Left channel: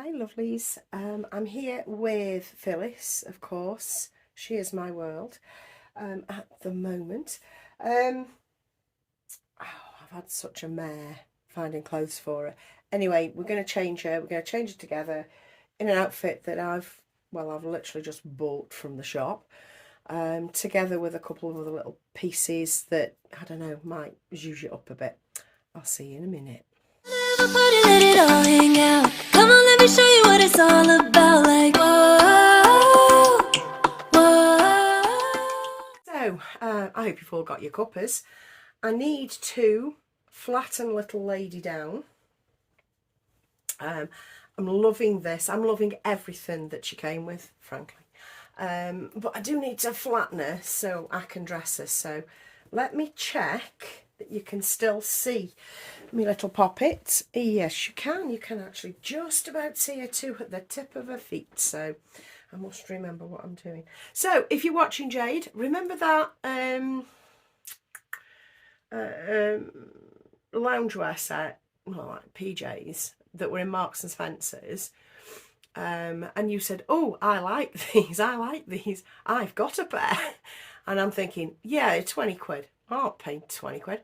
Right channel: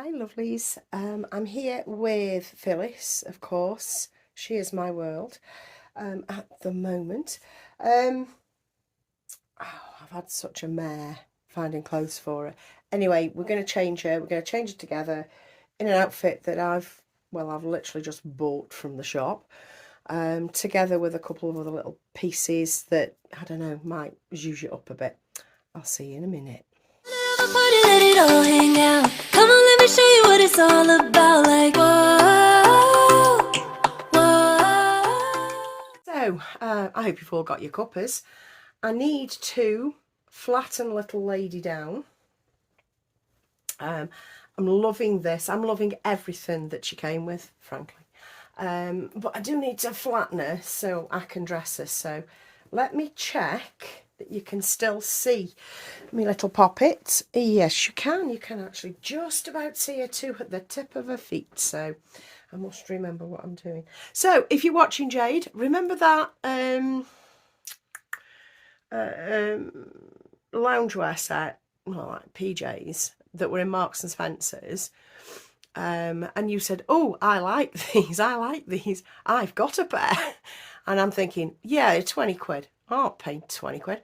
Hi lovelies, I'm here with Phyllis, of course. She is my world at the moment. I've had such a mare finding clothes for her. Anyway, we're going to change her. We're going to change her together in an outfit that I've literally just bought from the shop, together with a couple of other little pieces that, I don't know, might zhuzh it up a bit. I'll see you in a minute. Party, let it all hang out. Come on, let me show you what it's all about. Like, whoa, whoa. So, I hope you've all got your cuppers. I need to flatten little lady down. I'm loving this. I'm loving everything that she came with, frankly. But I do need to flatten her so I can dress her. So let me check that you can still see my little poppet. Yes, you can. You can actually just about see her too at the tip of her feet. So I must remember what I'm doing. So if you're watching Jade, remember that loungewear set, well, like PJs that were in Marks and Spencer's, and you said, oh, I like these, I've got a pair. And I'm thinking, yeah, 20 quid, I'm not paying 20 quid.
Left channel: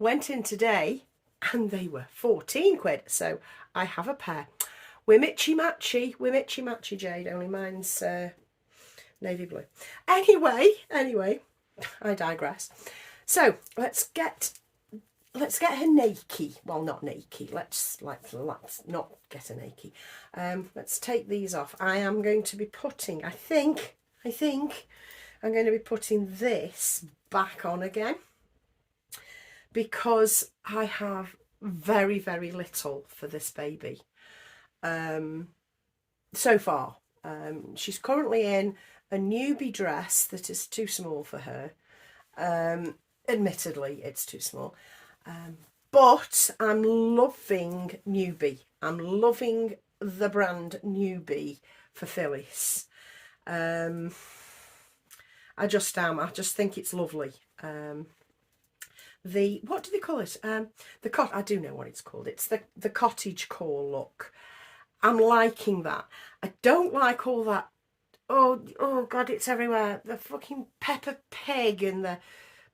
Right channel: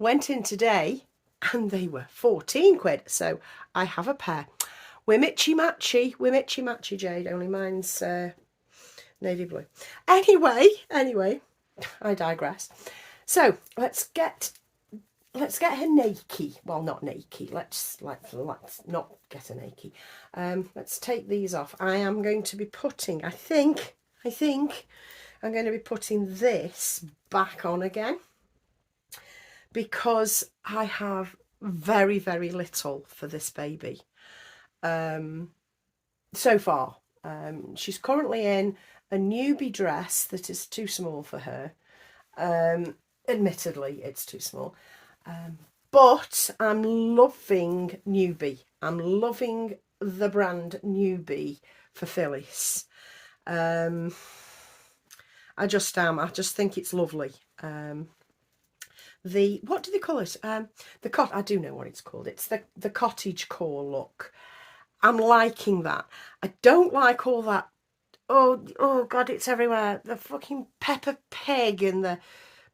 Went in today and they were 14 quid, so I have a pair. We're mitchy matchy, Jade, only mine's navy blue. Anyway, I digress. So let's get her naked. Well, not naked. Let's not get her naked. Let's take these off. I am going to be putting, I think I'm going to be putting this back on again, because I have very, very little for this baby so far. She's currently in a newbie dress that is too small for her. Admittedly, it's too small. But I'm loving Newbie. I'm loving the brand Newbie for Phyllis. I just am. I just think it's lovely. What do they call it? I do know what it's called. It's the cottage core look. I'm liking that. I don't like all that. Oh God, it's everywhere. The fucking Peppa Pig and the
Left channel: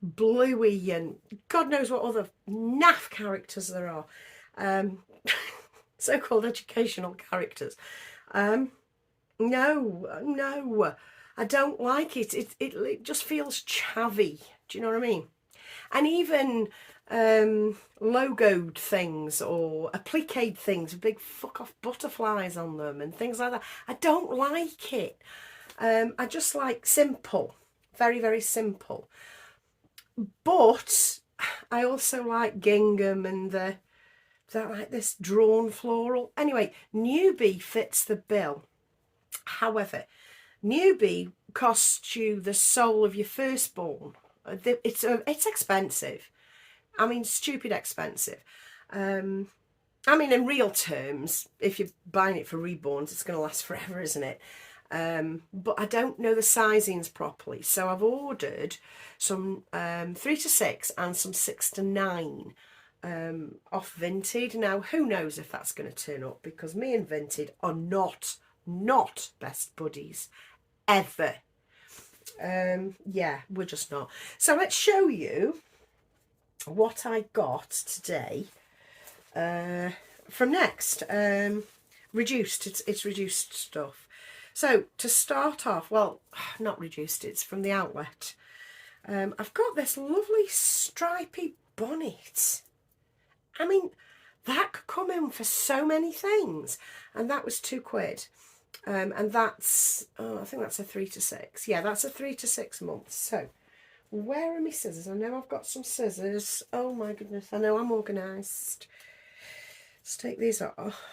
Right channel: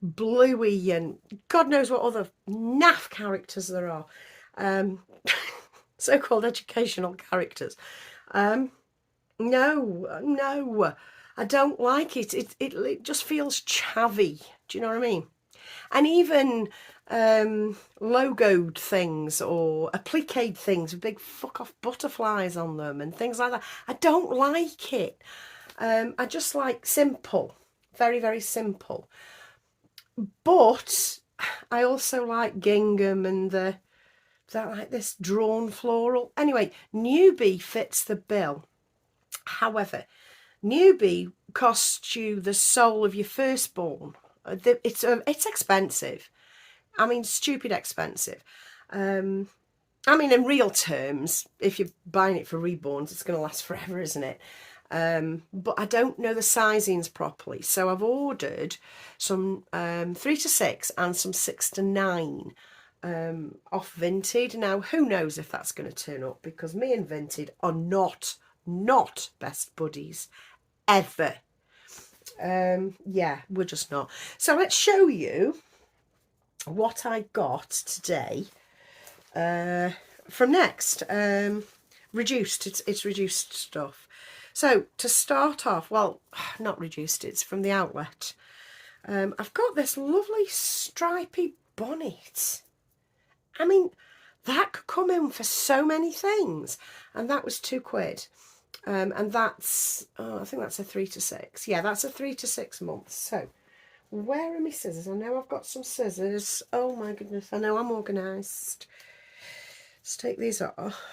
Bluey and God knows what other naff characters there are, so-called educational characters. No, I don't like it. It just feels chavvy. Do you know what I mean? And even logoed things or appliqued things with big fuck off butterflies on them and things like that. I don't like it. I just like simple, very, very simple. But I also like gingham and like this drawn floral. Anyway, Newbie fits the bill. However, Newbie costs you the soul of your firstborn. It's expensive. I mean, stupid expensive. I mean, in real terms, if you're buying it for reborns, it's going to last forever, isn't it? But I don't know the sizings properly, so I've ordered some 3 to 6 and some 6 to 9 off Vinted. Now, who knows if that's going to turn up, because me and Vinted are not best buddies ever. Yeah, we're just not. So let's show you what I got today from Next. Reduced. It's reduced stuff. So to start off, well, not reduced, it's from the outlet. I've got this lovely stripy bonnet. I mean, that could come in for so many things. And that was 2 quid. And that's, I think that's a 3 to 6. Yeah, that's a 3 to 6 months. So where are my scissors? I know I've got some scissors. Oh my goodness, I know I'm organised. Let's take these off.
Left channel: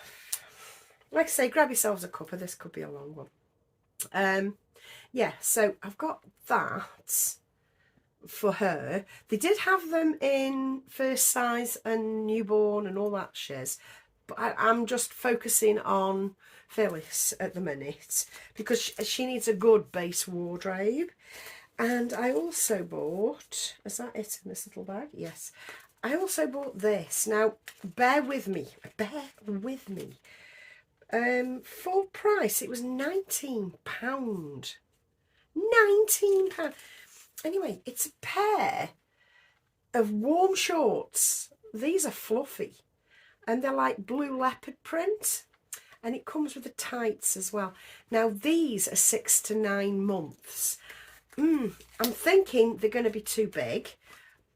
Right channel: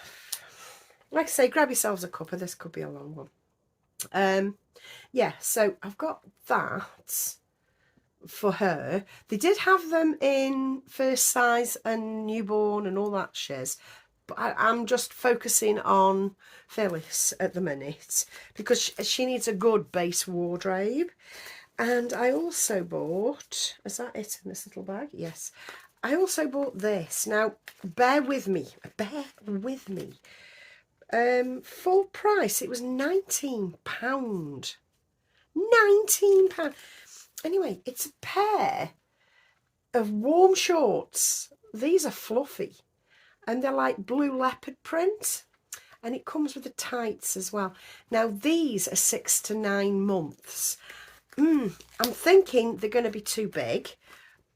Like I say, grab yourselves a cuppa. This could be a long one. Yeah, so I've got that for her. They did have them in first size and newborn and all that shiz, but I'm just focusing on Phyllis at the minute because she needs a good base wardrobe. And I also bought, is that it in this little bag? Yes. I also bought this. Now, bear with me. Full price, it was £19. £19. Anyway, it's a pair of warm shorts. These are fluffy and they're like blue leopard print, and it comes with the tights as well. Now these are 6 to 9 months. I'm thinking they're going to be too big,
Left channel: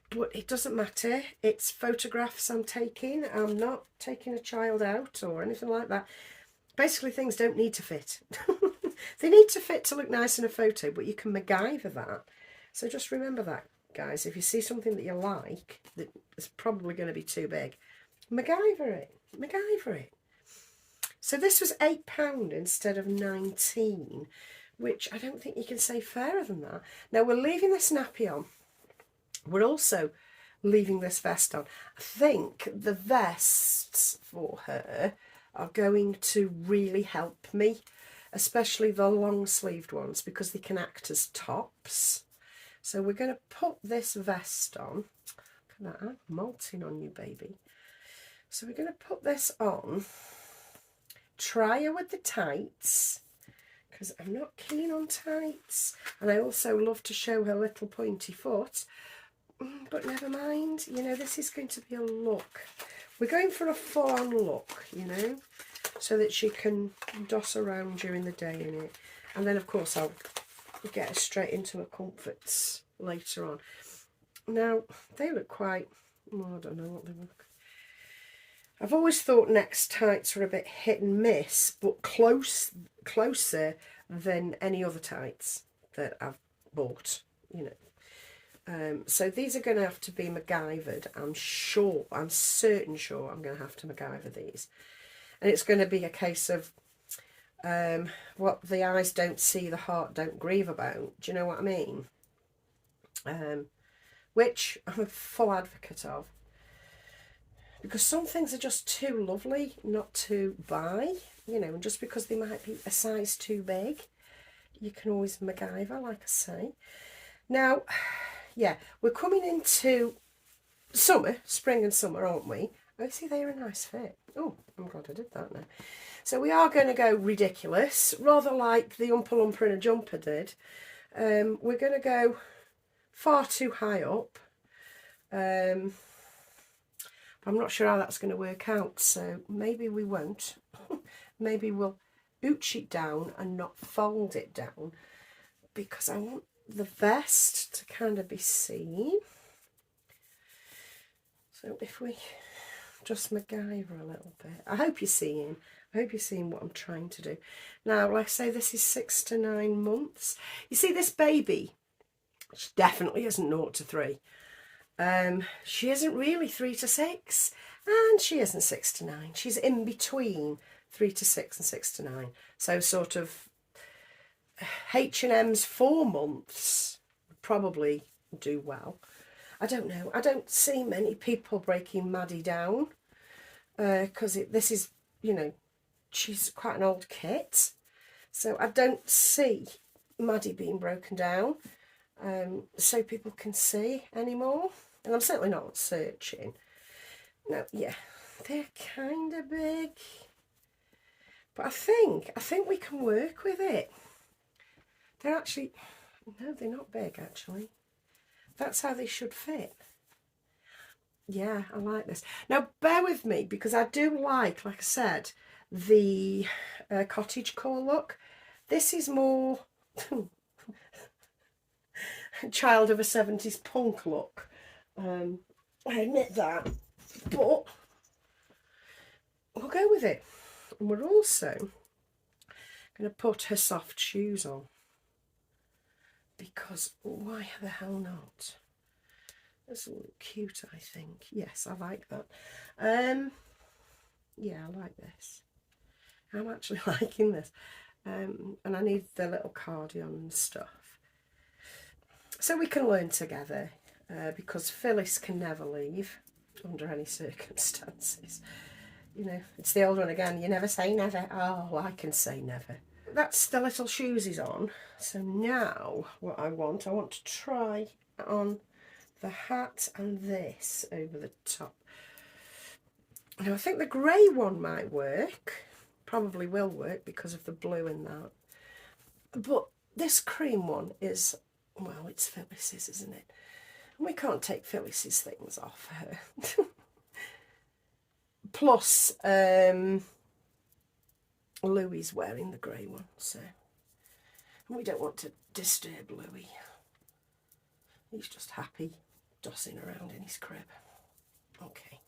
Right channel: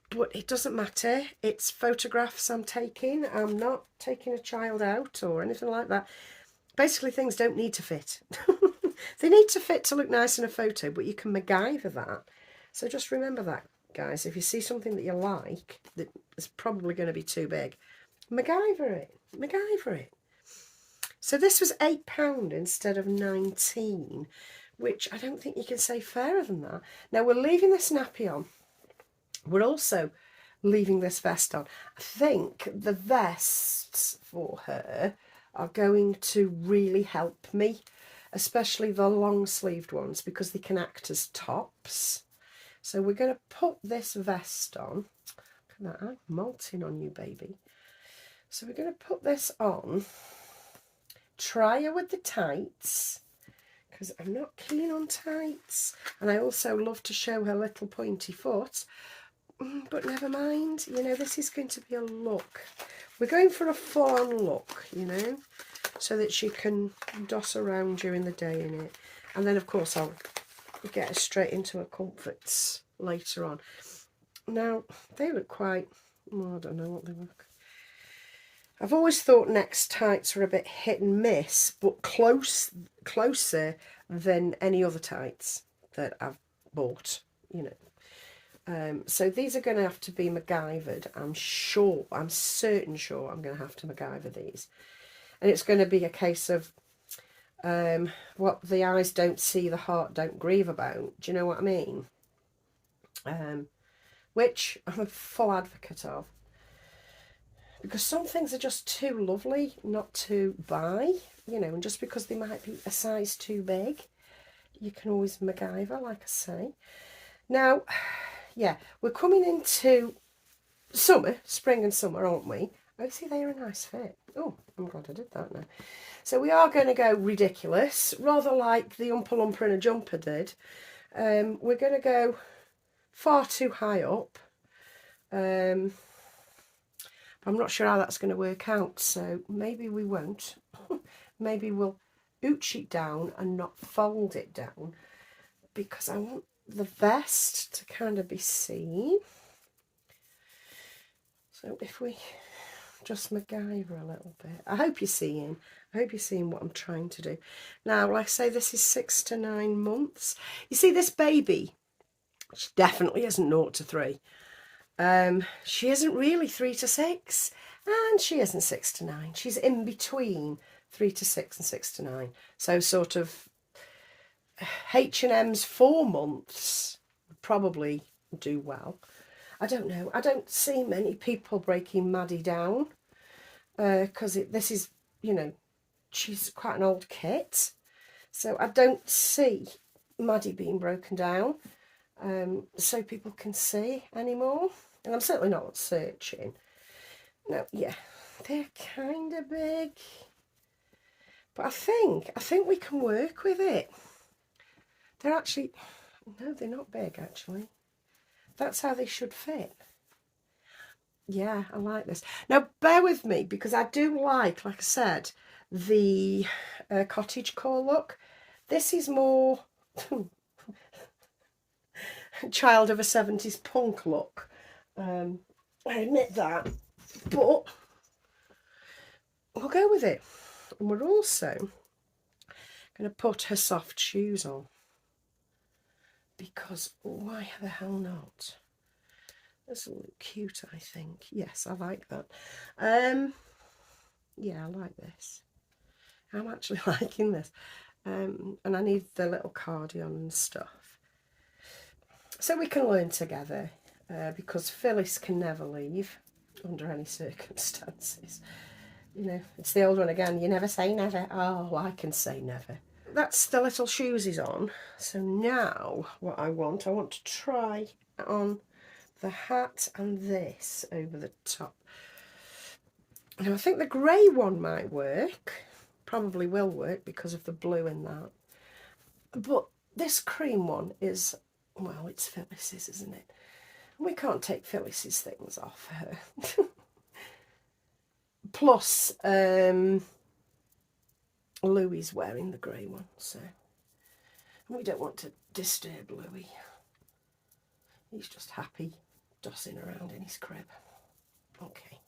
but it doesn't matter. It's photographs I'm taking. I'm not taking a child out or anything like that. Basically, things don't need to fit. They need to fit to look nice in a photo, but you can MacGyver that. So just remember that, guys. If you see something that you like that is probably going to be too big, MacGyver it. MacGyver it. So this was £8 instead of 19, which I don't think you can say fairer than that. Now we're leaving this nappy on. We're also leaving this vest on. I think the vests for her are going to really help me, especially the long sleeved ones, because they can act as tops. So we're going to put this vest on. Look at that, I'm molting on you, baby. So we're going to put this on, try her with the tights, because I'm not keen on tights, and I also love to show her little pointy foot, but never mind, you know, this is going to be a look. We're going for a full-on look, you know, so that she can doss around during the day in it. And then, of course, I'll get her straight into her comforts later on. Now, they look quite, well, I don't know what they look. I've always thought Next tights were a bit hit and miss, but closer than any other tights that I've bought, you know. So these are going to have to be MacGyvered. I'm certain sure I'm going to have to MacGyver these. And it's going to be a case of what the eyes don't see, the heart don't grieve about. Do you know what I mean? Which I'm a full advocate of. Because some things are just too lovely not to buy, you know, and just because they might be a size too big, you can always MacGyver, like I say. Now, yeah, we're coming into summer, spring and summer, aren't we? Oh, see, they're a nice fit. Oh, I'm glad I did that now. So we are going to go ridiculous, rather like the Oompa Loompa in a jumper did. We're going to go far too high up. I'm not sure how that's going to work out, so maybe we won't. Maybe we'll ooch it down and not fold it down, because I want the vest to kind of be seen. So if we just MacGyver a little bit. I hope you're seeing what I'm trying to do. Now, like I say, this is 6 to 9 months. You see, this baby, she definitely isn't 0 to 3. She isn't really 3 to 6, and she isn't 6 to 9. She's in between 3 to 6 and 6 to 9. So sort of H&M's 4 months probably do well. I don't know. I don't see many people breaking Maddie down, because this is, you know, she's quite an old kit. So I don't see Maddie being broken down so people can see anymore. And I'm certainly not searching. No, yeah, they're kind of big. But I think we can work with it. They're actually, no, they're not big actually. That's how they should fit. Yeah, I like this. Now, bear with me, because I do like I said, the cottagecore look. This is more child of a 70s punk look. I admit that, but we'll go with it. And we're also going to put her soft shoes on, because why the hell not? That's a little cute, I think. Yes, I like that. Yeah, I like this. I'm actually liking this. And I need the little cardigan and stuff. So we can learn together, because Phyllis can never leave under any circumstances. You know, it's the old one again. You never say never. Oh, I can say never. That's the little shoes is on. So now what I want to try on the hat and this over the top. Now I think the grey one might work. probably will work because of the blue in that. But this cream one is, well, it's Phyllis's, isn't it? And we can't take Phyllis's things off her. Plus, Louie's wearing the grey one, so we don't want to disturb Louie. He's just happy dossing around in his crib. Okay.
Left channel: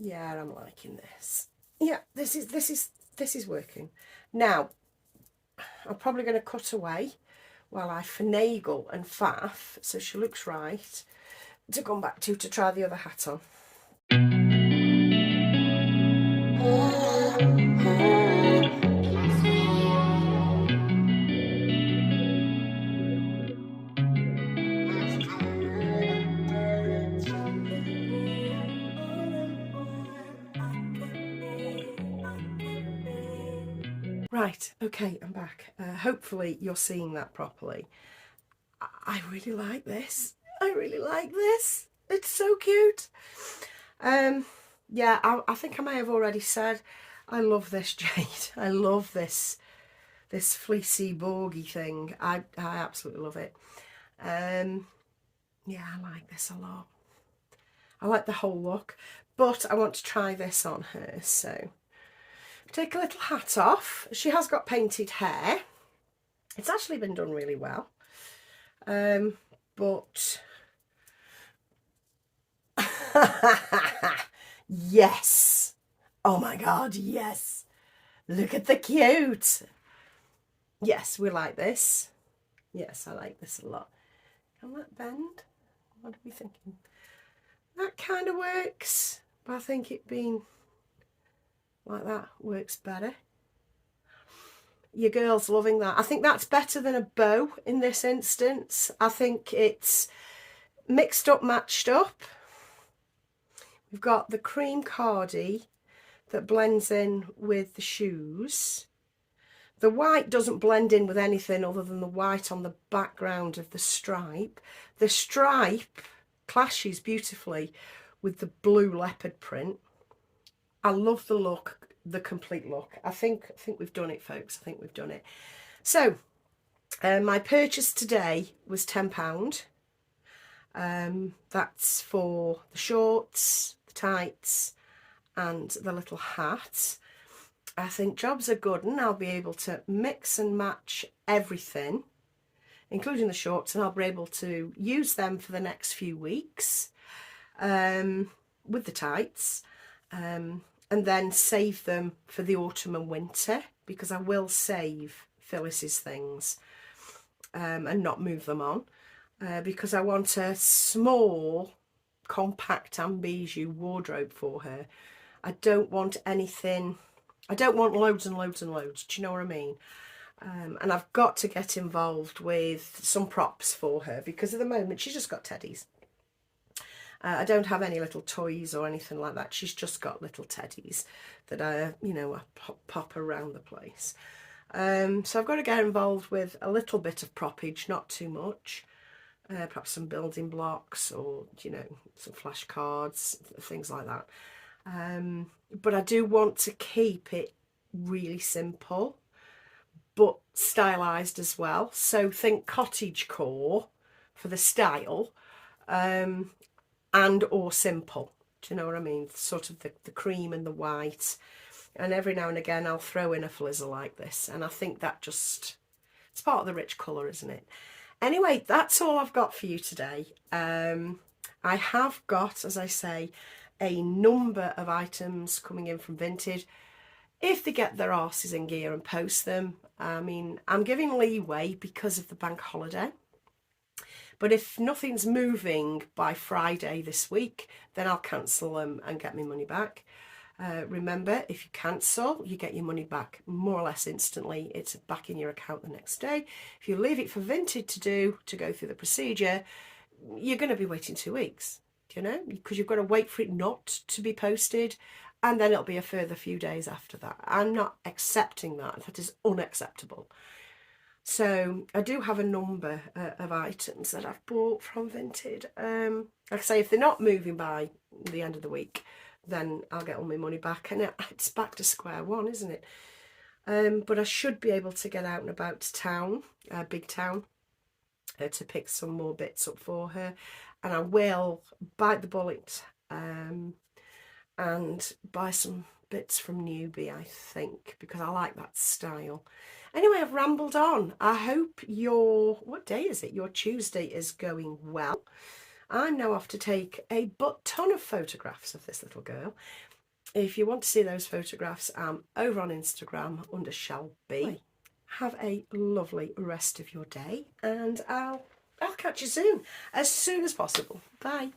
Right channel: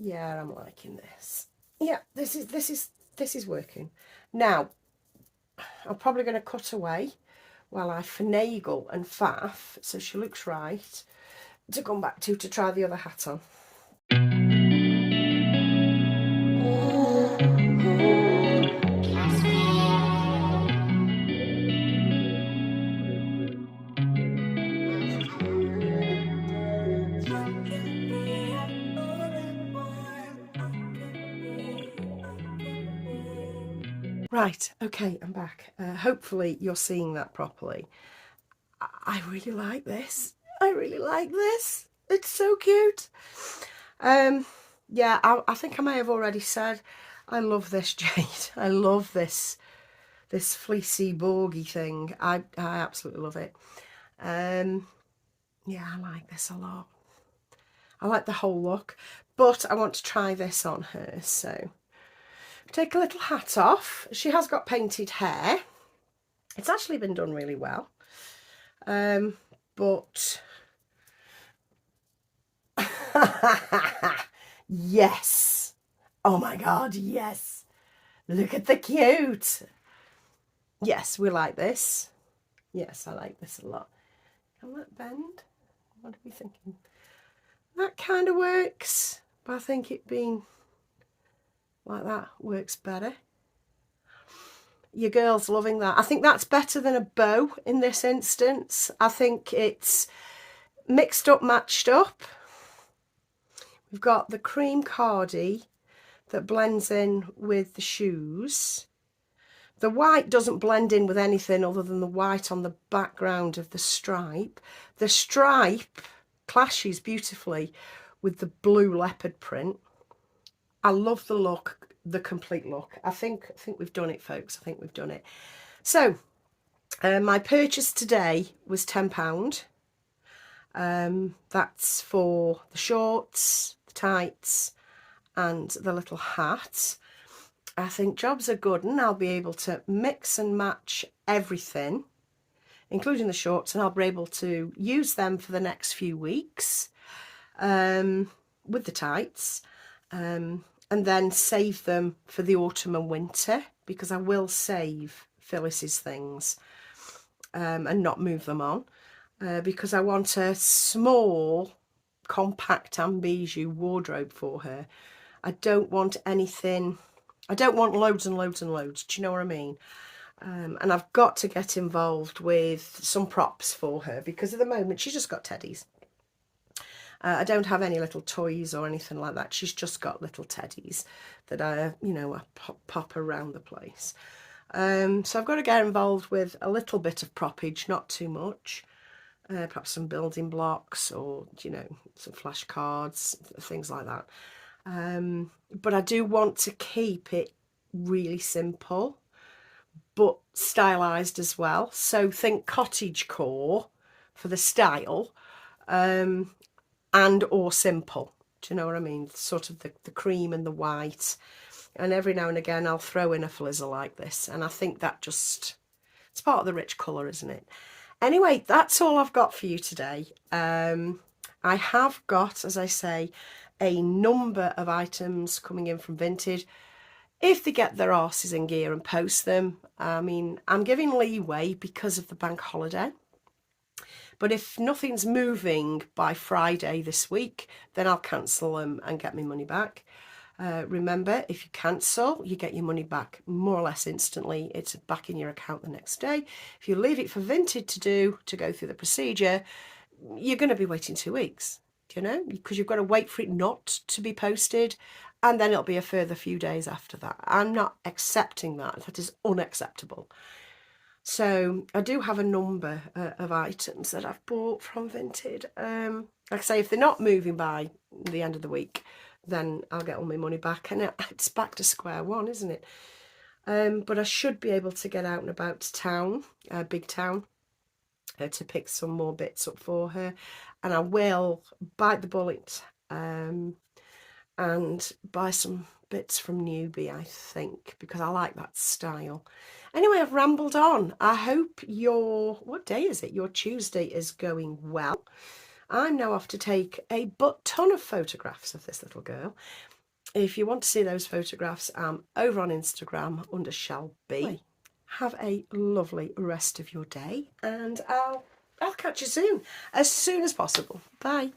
Yeah, I'm liking this. Yeah, this is working. Now, I'm probably going to cut away while I finagle and faff so she looks right to come back to try the other hat on. Right, okay, I'm back. Hopefully you're seeing that properly. I really like this. I really like this. It's so cute. Yeah, I think I may have already said I love this jade. I love this fleecy borgy thing. I absolutely love it. Yeah, I like this a lot. I like the whole look, but I want to try this on her, so take a little hat off. She has got painted hair. It's actually been done really well. But yes. Oh my God, yes. Look at the cute. Yes, we like this. Yes, I like this a lot. Can that bend? What are we thinking? That kind of works, but I think it being like that works better. Your girl's loving that. I think that's better than a bow in this instance. I think it's mixed up, matched up. We've got the cream cardi that blends in with the shoes. The white doesn't blend in with anything other than the white on the background of the stripe. The stripe clashes beautifully with the blue leopard print. I love the look, the complete look. I think we've done it, folks. I think we've done it. So my purchase today was £10. That's for the shorts, the tights, and the little hat. I think jobs are good, and I'll be able to mix and match everything, including the shorts, and I'll be able to use them for the next few weeks with the tights, and then save them for the autumn and winter, because I will save Phyllis's things and not move them on, because I want a small, compact and bijou wardrobe for her. I don't want anything, I don't want loads and loads and loads, do you know what I mean? And I've got to get involved with some props for her, because at the moment she's just got teddies. I don't have any little toys or anything like that. She's just got little teddies that I pop around the place. So I've got to get involved with a little bit of proppage, not too much. Perhaps some building blocks, or, some flashcards, things like that. But I do want to keep it really simple, but stylised as well. So think cottagecore for the style, and or simple. Do you know what I mean? Sort of the cream and the white. And every now and again I'll throw in a flizzle like this. And I think that just, it's part of the rich colour, isn't it? Anyway, that's all I've got for you today. I have got, as I say, a number of items coming in from Vinted. If they get their arses in gear and post them, I mean, I'm giving leeway because of the bank holiday. But if nothing's moving by Friday this week, then I'll cancel them and get my money back. Remember, if you cancel, you get your money back more or less instantly. It's back in your account the next day. If you leave it for Vinted to go through the procedure, you're going to be waiting 2 weeks, because you've got to wait for it not to be posted, and then it'll be a further few days after that. I'm not accepting that. That is unacceptable. So I do have a number of items that I've bought from Vinted. Like I say, if they're not moving by the end of the week, then I'll get all my money back, and it's back to square one, isn't it? But I should be able to get out and about to town, big town, to pick some more bits up for her, and I will bite the bullet and buy some bits from Newbie, I think, because I like that style. Anyway, I've rambled on. I hope what day is it? Your Tuesday is going well. I'm now off to take a ton of photographs of this little girl. If you want to see those photographs, I'm over on Instagram under Shelby. Have a lovely rest of your day, and I'll catch you soon as possible. Bye.